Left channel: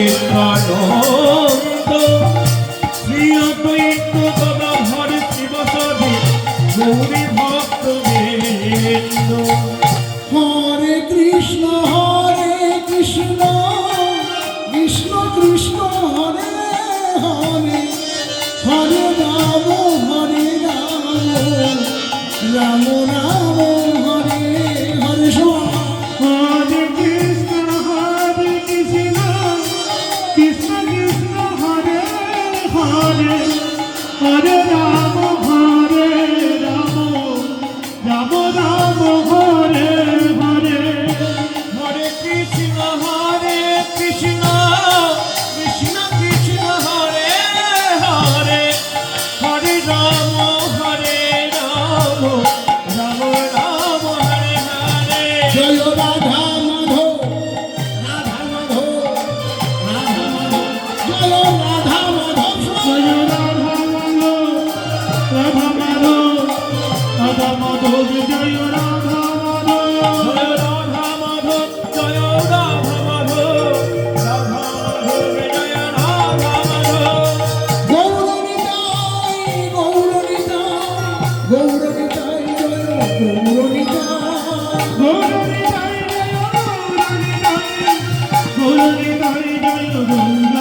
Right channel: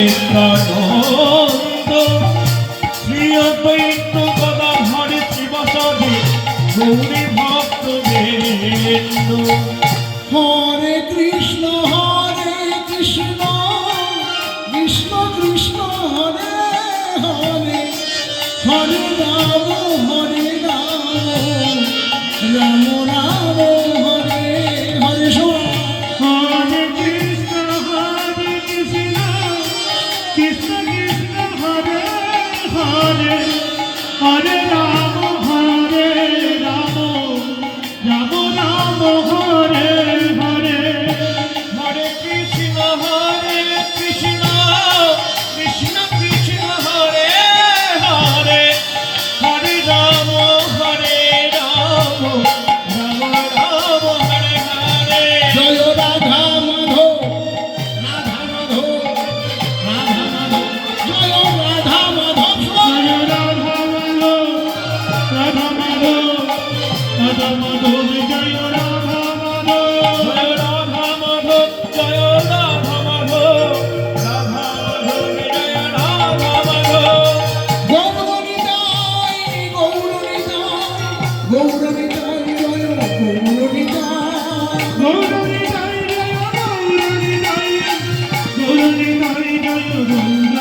আনন্দ শ্রী অদ্বৈত গদাধর শিবসাদে গৌরী ভক্তবৃন্দ। হরে কৃষ্ণ কৃষ্ণ কৃষ্ণ হরে হরে, হরে রাম রাম রাম হরে হরে। হরে কৃষ্ণ কৃষ্ণ কৃষ্ণ হরে হরে, হরে রাম রাম রাম হরে হরে। হরে কৃষ্ণ কৃষ্ণ কৃষ্ণ হরে হরে, হরে রাম রাম রাম হরে হরে। জয় রাধা মাধব জয় রাধা মাধব জয় রাধা মাধব রাধা মাধব জয় রাধা মাধব, জয় রাধা মাধব জয় রাধা মাধব, রাধা মাধব জয় রাধা মাধব। গৌরনিতাই গৌরনিতাই জয় গৌরনিতাই গৌরনিতাই জয় গৌরনিতাই, গৌরনিতাই জয় গৌর